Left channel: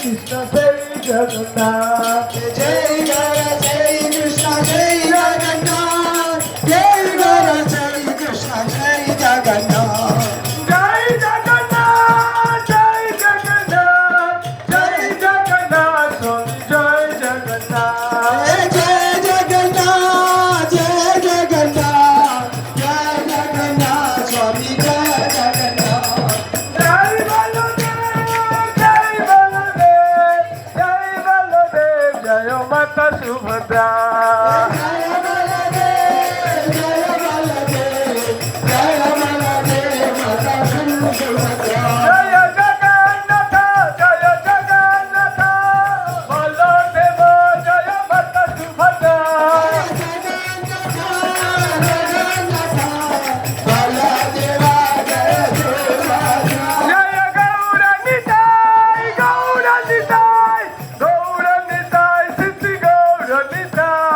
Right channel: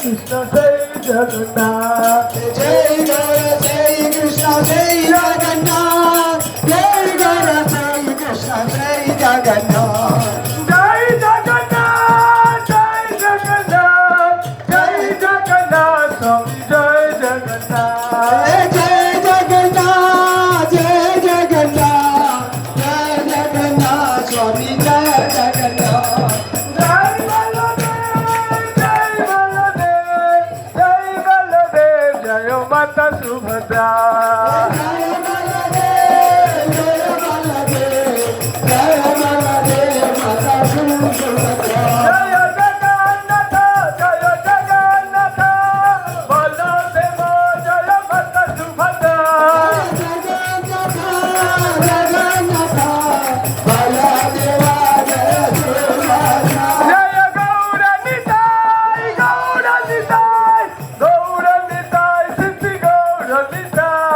কৃষ্ণ সেই জগন্নাথ জয় গৌর জয় কৃষ্ণ জয় জগন্নাথ জয় গৌর জয় কৃষ্ণ জয় জগন্নাথ জয় জগন্নাথ জয় জগন্নাথ জয় জগন্নাথ জয় জগন্নাথ জয় জগন্নাথ জয় জগন্নাথ জয় জগন্নাথ স্বামী জয় জগন্নাথ জয় বলদেব জয় বলদেব জয় মাতা সুভদ্রা জয় বলদেব জয় বলদেব জয় বলদেব মাতা সুভদ্রা জয় জগন্নাথ বলদেব জয় মাতা সুভদ্রা জয় গৌর নিতাই গৌর নিতাই গৌর নিতাই শ্রী গৌর নিতাই